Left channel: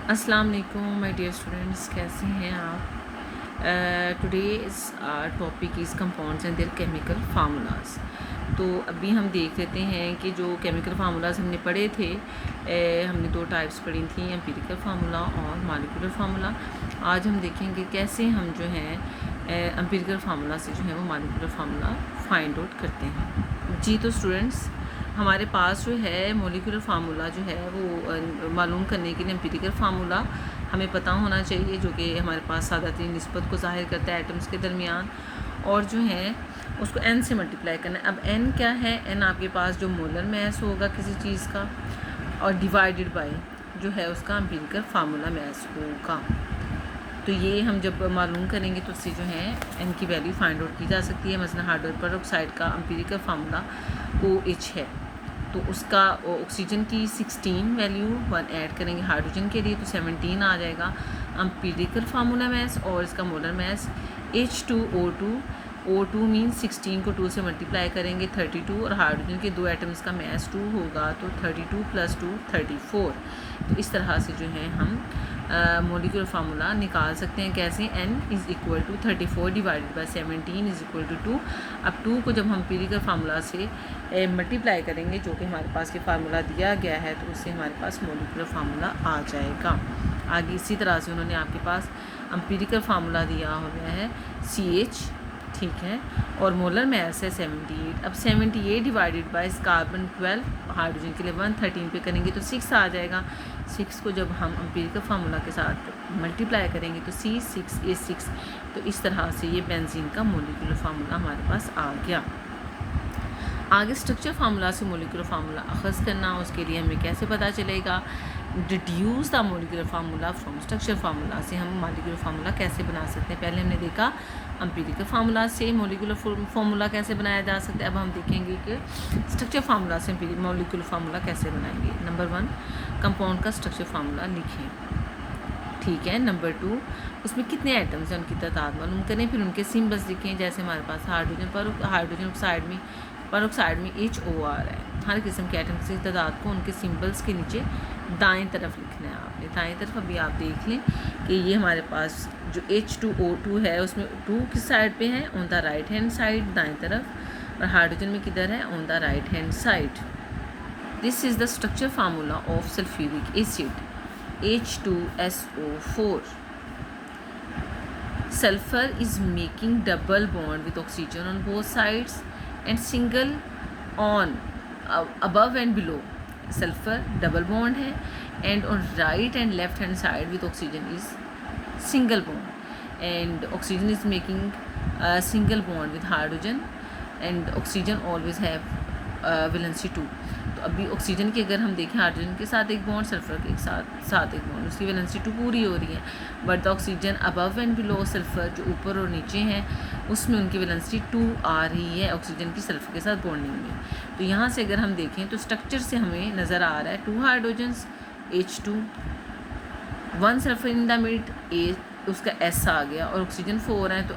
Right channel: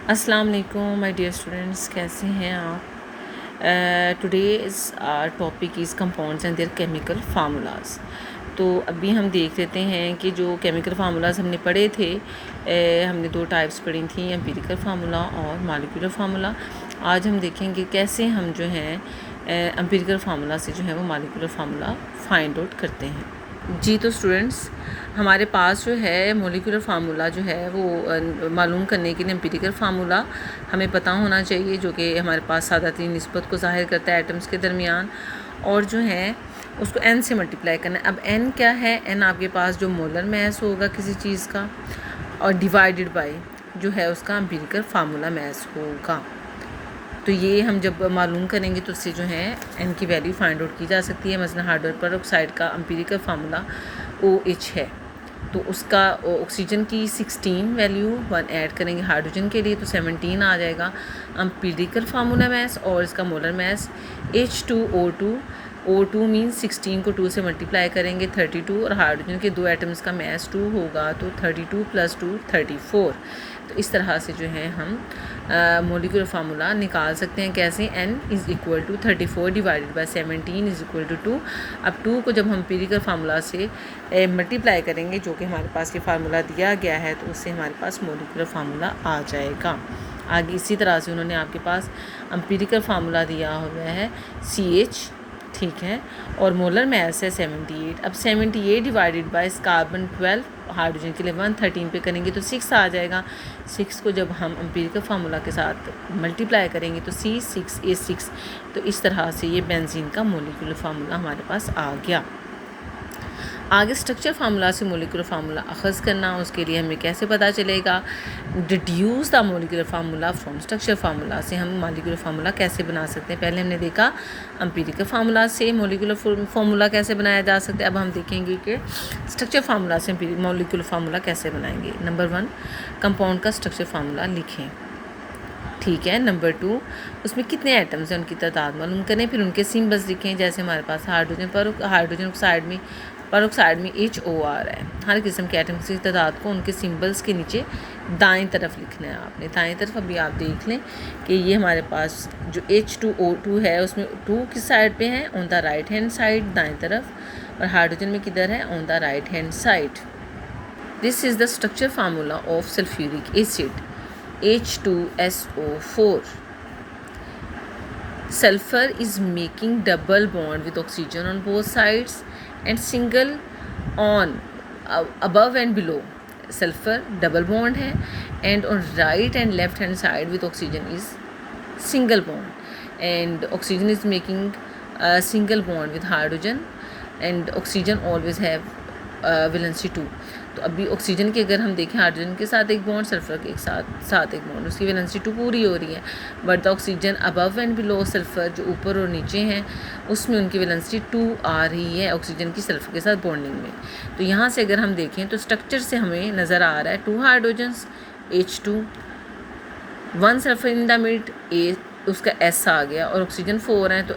अस्सलाम वालेकुम my dear students, कैसे हैं आप? Today's topic is compounds and there chemical formulas. तो अभी हम देख लेते हैं कि जो केमिकल फार्मूलाज हमने पढ़े थे, हमने दो टाइप्स पढ़ी थी, एम्पिरिकल फार्मूला और मॉलिक्यूलर फार्मूला। आज हम देखेंगे कैसे हम जो है एम्पिरिकल फार्मूला से जो है वो मॉलिक्यूलर फार्मूला फाइंड आउट करते हैं। जी तो स्टूडेंट्स, हमारे पास जो है मॉलिक्यूलर फार्मूला जो है वो मालूम करने के लिए एम्पिरिकल फार्मूला हमें पता होना चाहिए, जो कि हमारे पास सादा तीन निस्बत को ज़ाहिर करता है एटम्स के दरमियान, और जो है उसको n से मल्टीप्लाई करना है। अब n क्या है? n आपके पास जो मोलर मैस होगा किसी चीज़ का, और डिवाइडेड बाय जो है उसका एम्पिरिकल फार्मूला मैस होगा। तो ये हम जब मालूम करेंगे तो उससे जो है n की वैल्यू फाइंड आउट की जा सकती है। मसलन हाइड्रोजन पर ऑक्साइड का एम्पिरिकल फार्मूला OH है, तो उसका ऑक्सीजन की 16 वैल्यू 1 ऐड करेंगे हाइड्रोजन के लिए तो 17 आ जाएगा एम्पिरिकल फार्मूला मैस, और इसका molar mass H2O2। O2 means 16 को 2 से मल्टीप्लाई करेंगे 32, और हाइड्रोजन के दो एटम्स का मैस 2 होगा तो 32 + 2 34। तो इस तरह से जो है हम मॉलिक्यूलर फार्मूला निकाल सकते हैं। कैसे? n = 34 divided by 17 = 2। अब 2 को जब हम एम्पिरिकल फार्मूला से मल्टीप्लाई करेंगे, जो कि हमारे पास ये फार्मूला दिया गया है, तो उससे हमारे पास मॉलिक्यूलर फार्मूला आ जाएगा। आगे इसी तरह से उन्होंने आपके पास एम्पिरिकल फार्मूला दिया हुआ है CH, ठीक है, और मोलर मैस है 78। अब 78 डिवाइडेड बाय कार्बन 12, हाइड्रोजन के लिए 113 पे करेंगे तो 6 आ जाएगा। 6 को जब हम एम्पिरिकल फार्मूला के साथ मल्टीप्लाई करेंगे तो C6H6। तो इस तरह से ये बेंजीन का मॉलिक्यूलर फार्मूला हमारे पास आ गया। आगे स्ट्रक्चर फार्मूला से मॉलिक्यूलर फार्मूला अखज़ करना, उसके लिए हमें कैसे पता चलेगा? Deduce the molecular formula from structure formula से हम मॉलिक्यूलर फार्मूला कैसे बना सकते हैं। पहले हमने देखा एम्पिरिकल फार्मूला से मॉलिक्यूलर फार्मूला कैसे बनाया जा सकता है। अब हम देखेंगे कि स्ट्रक्चर फार्मूला से मॉलिक्यूलर फार्मूला कैसे बनाएंगे। नंबर 1, कंपाउंड का स्ट्रक्चर फार्मूला लिखें, ठीक है। नंबर 2, उसमें कितने एटम्स हैं उनकी तादाद मालूम करें, फिर उनके सिम्बल्स लिखें। जैसे हमारे पास हाइड्रोजन ऑक्साइड में HOR है। हर किस्म के एटम्स की तादाद को उनके सिम्बल्स के नीचे दाएं तरफ लिखना है आपने। दाएं तरफ अभी आप देख लें कि ये हमारे पास जो H2O2 है उसमें 2 किस साइड पे है? On the right hand side, दाएं तरफ। और हाइड्रोजन में किधर है? On the right hand side. This is the structure formula of sulphuric acid H2SO4. Sulfur is making double bond with oxygen on both sides and single on above and below. Sulfur double bond है, and on right and left hand side with oxygen is single bond, and oxygen is making a single bond with hydrogen, and oxygen always have valency 2। तो अभी oxygen की अगर हम देखें, hydrogen के साथ एक बॉन्ड, सल्फर के साथ एक बॉन्ड, उसकी वैलेंसी 2 पूरी हो रही है। But the oxygen above and below sulphur, जो ऊपर और नीचे हैं, उसमें उनकी वैलेंसी 2 आ रही है ऑक्सीजन की सल्फर के साथ बॉन्डिंग में। तो यहाँ से अगर हम देखें तो स्ट्रक्चर से हमें नज़र आ रहा है 2 hydrogens H2, 1 sulphur in the mid, उसका S आ गया, और ऑक्सीजन 4 है तो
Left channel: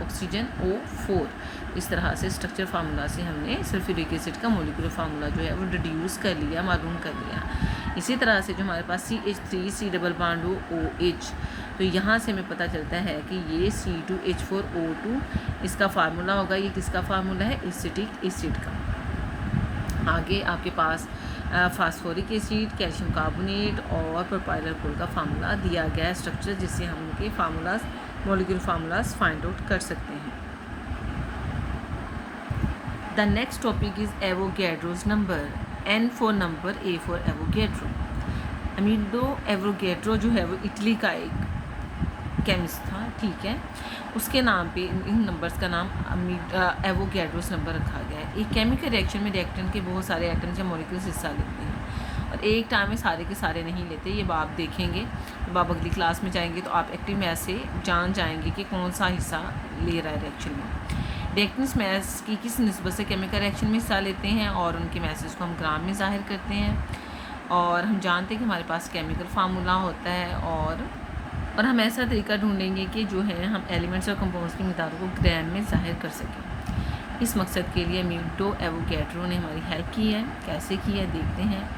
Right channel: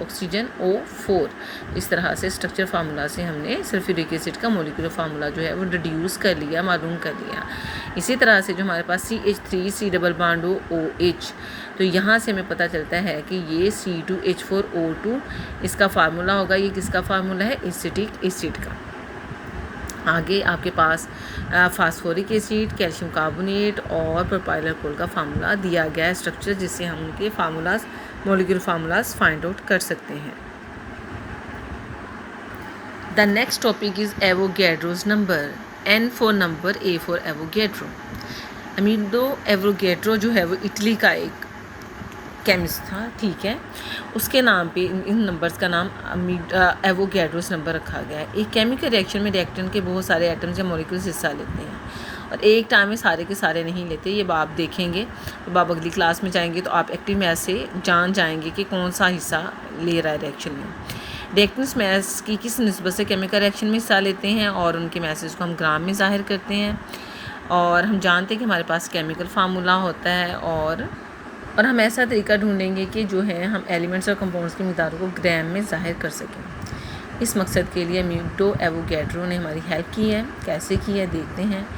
ऑक्सीजन O4। इस तरह से स्ट्रक्चर फार्मूला से हमने सल्फ्यूरिक एसिड का मॉलिक्यूलर फार्मूला जो है वो डिड्यूस कर लिया, मालूम कर लिया। इसी तरह से जो हमारे पास CH3 डबल बॉन्ड OH, तो यहाँ से हमें पता चलता है कि ये C2H4O2 इसका फार्मूला होगा। ये किसका फार्मूला है? एसिटिक एसिड का। आगे आपके पास फास्फोरिक एसिड, कैल्शियम कार्बोनेट और प्रोपाइल अल्कोहल का फार्मूला दिया गया है स्ट्रक्चर, जिससे हम उनके formulas molecular formulas find out कर सकते हैं। The next topic is Avogadro's number, N for number, A for Avogadro. Amedeo Avogadro जो है वो इटली का एक केमिस्ट था, ठीक है। उसके नाम पे इन नंबर्स का नाम एवोगैड्रोस नंबर रखा गया है। एक केमिकल रिएक्शन में रिएक्टेंट के बहुत सारे एटम्स या मॉलिक्यूल्स हिस्सा लेते हैं, और एक टाइम में सारे के सारे नहीं लेते। ये आप देखेंगे, जब आप अगली क्लास में जाएंगे तो आप एक्टिव मैथ से जान जाएंगे कि कौन सा हिस्सा ले रहा है रिएक्शन में। रिएक्टेंट्स मैथ्स की किस निस्बत से केमिकल रिएक्शन में हिस्सा लेते हैं, और उनके मैसेज को हम ग्राम में ज़ाहिर करते हैं। और हम जानते हैं कि हमारे पास केमिकल फार्मूला होता है, और हम ऐसा तरीका ढूंढेंगे कि जो है हम एलिमेंट्स और कंपाउंड्स की मिक़दार को ग्राम में ज़ाहिर कर सकें। इस मकसद के लिए अमीडो एवोगैड्रो ने हमारी हेल्प की है। कैसे की है देखते हैं।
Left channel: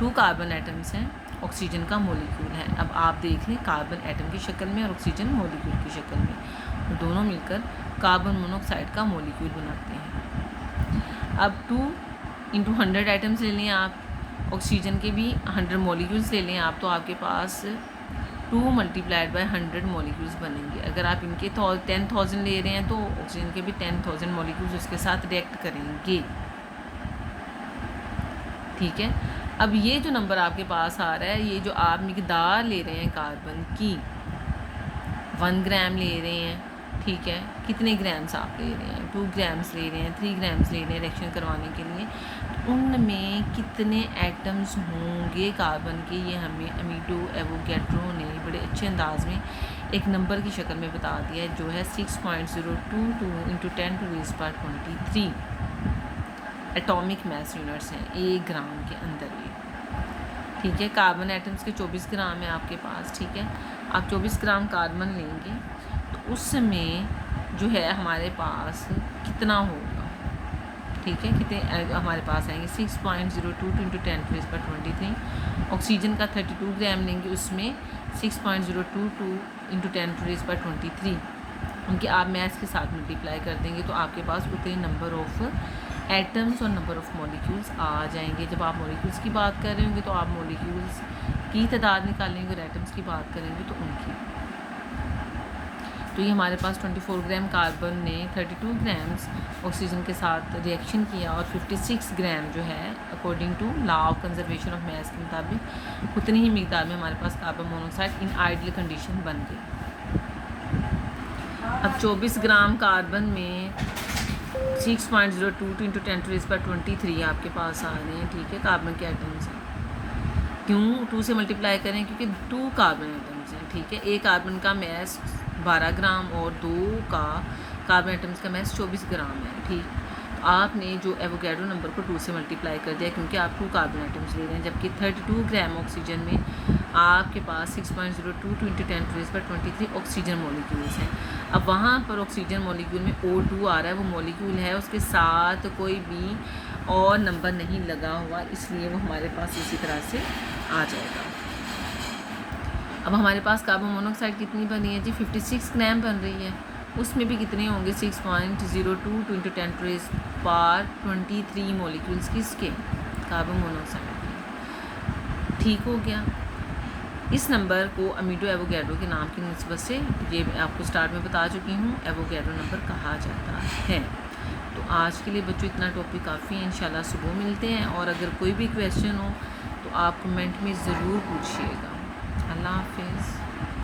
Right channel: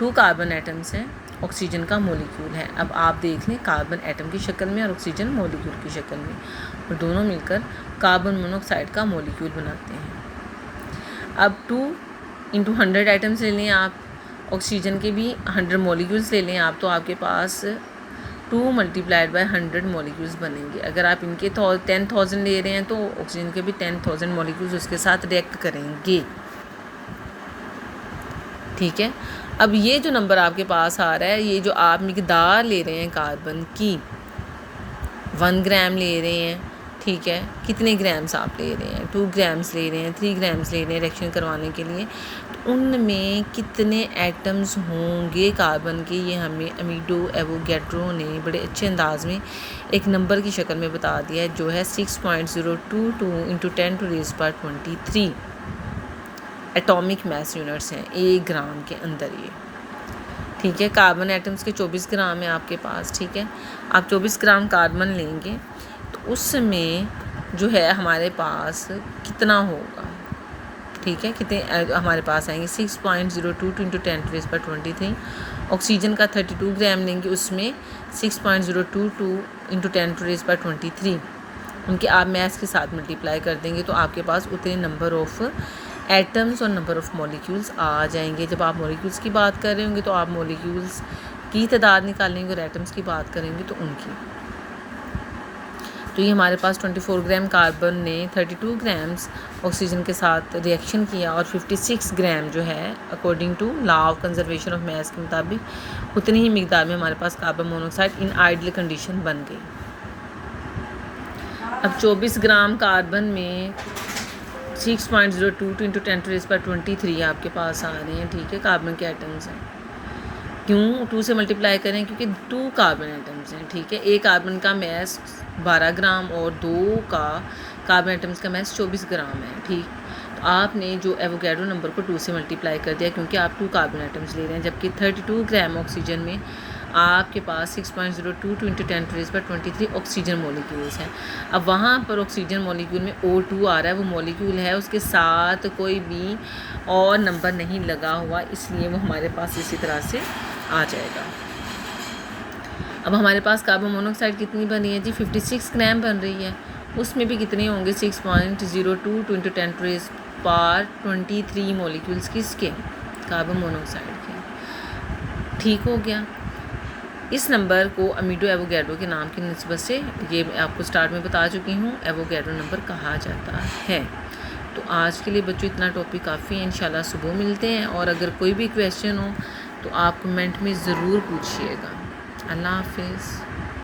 2 कार्बन एटम्स हैं ऑक्सीजन का मॉलिक्यूल है। अब आप देख लें, कार्बन एटम की शक्ल में और ऑक्सीजन मॉलिक्यूल की शक्ल में, और दोनों मिलकर कार्बन मोनोऑक्साइड का मॉलिक्यूल बनाते हैं। अब 2 × 100 एटम्स ले लें आप, ऑक्सीजन के भी 100 मॉलिक्यूल्स ले लें आप, तो आपके पास 2 × 100 मॉलिक्यूल्स बनेंगे। अगर आप इनके 10,000 ले रहे हैं तो ऑक्सीजन के भी 10,000 मॉलिक्यूल्स उसके साथ रिएक्ट करेंगे। ठीक है। अब ये जो नंबर आपके पास आ रहा है, ये जो आप मिकदार ले रहे हैं कार्बन की, 1 ग्राम ले रहे हैं, ठीक है, कितने ग्राम्स आप ले रहे हैं, 2 ग्राम्स ले रहे हैं, 3 ग्राम्स ले रहे हैं रिएक्शन करवाने के लिए, तो उनमें कितने एटम्स होंगे कार्बन के, ये हमें अमीडो एवोगैड्रो ने बड़े अच्छे अंदाज में एक नंबर की शक्ल में बता दिया है, जो है 6.022 × 10⁻23 एटॉमिक मास यूनिट्स हैं 1 ग्राम के अंदर ये। ठीक है, कार्बन एटम्स के 24 ग्राम है आपके पास। ठीक है, आप 24 ग्राम कार्बन लेंगे तो उसमें जो है हमारे पास कितना होगा, ठीक है, कितने हमारे पास आएंगे 6.022 × 10⁻23। ऑक्सीजन का 32 ग्राम लेंगे, उसमें 6.022 × 10⁻23 उनके आप मैस के साथ मल्टीप्लाई कर देंगे तो आपके पास उतने नंबर ऑफ़ एटम्स और नंबर ऑफ़ मॉलिक्यूल्स आ जाएंगे। जब आप मॉलिक्यूल्स की बात कर रहे होंगे तो आप मॉलिक्यूल्स की तादाद निकालेंगे, और एटम्स की बात करेंगे तो उनकी। तो ये हमारे पास 24 ग्राम कार्बन ने 32 ग्राम्स ऑक्सीजन के साथ रिएक्शन किया, और 56 ग्राम जो है according to law of conservation of mass के मुताबिक उतनी ही मिकदार में हमारे पास carbon monoxide in ideal condition बन गई। अब 24 ग्राम कार्बन में 6.022 × 10⁻23 आपके पास आ रहे हैं। ठीक है, कार्बन के एटम्स हैं। क्यों 2 से मल्टीप्लाई करें, क्योंकि 2 कार्बन एटम्स हैं। ठीक है, एक कार्बन का मैस 12 ग्राम और 2 का कार्बन एटम्स का मैस 24 ग्राम है। ठीक, तो आपने जो एवोगैड्रो नंबर को 2 से मल्टीप्लाई कर दिया, क्योंकि आप 2 कार्बन एटम्स ले रहे हैं, जबकि 32 ग्राम ऑक्सीजन में आपके पास 6.022 × 10⁻23 ऑक्सीजन मॉलिक्यूल्स हैं। अब वहाँ पर ऑक्सीजन मॉलिक्यूल में O2 आ रहा है, वो मॉलिक्यूल है, उसके साथ कोई भी और नंबर नहीं लगा हुआ, इसलिए वो हमारे पास इसी तरह से आ जाएगा। अब हमारे पास कार्बन मोनोऑक्साइड कितनी बनी है जी, 56 ग्राम बन रही है। उसमें भी कितने होंगे 6.022 × 10⁻23 मॉलिक्यूल्स किसके, कार्बन मोनोऑक्साइड के। ठीक हो गया। इस नंबर को अमीडो एवोगैड्रो के नाम की निस्बत से, ये मैं आपको स्टार्ट में बता चुकी हूँ, एवोगैड्रो नंबर कहा जाता है। तो आज के लिए बच्चों इतना टॉपिक काफ़ी है, इंशाल्लाह सुबह मिलते हैं। और अगर कोई भी क्वेश्चन हो तो आप कमेंट में ज़रूर पूछिएगा। अल्लाह हाफिज़।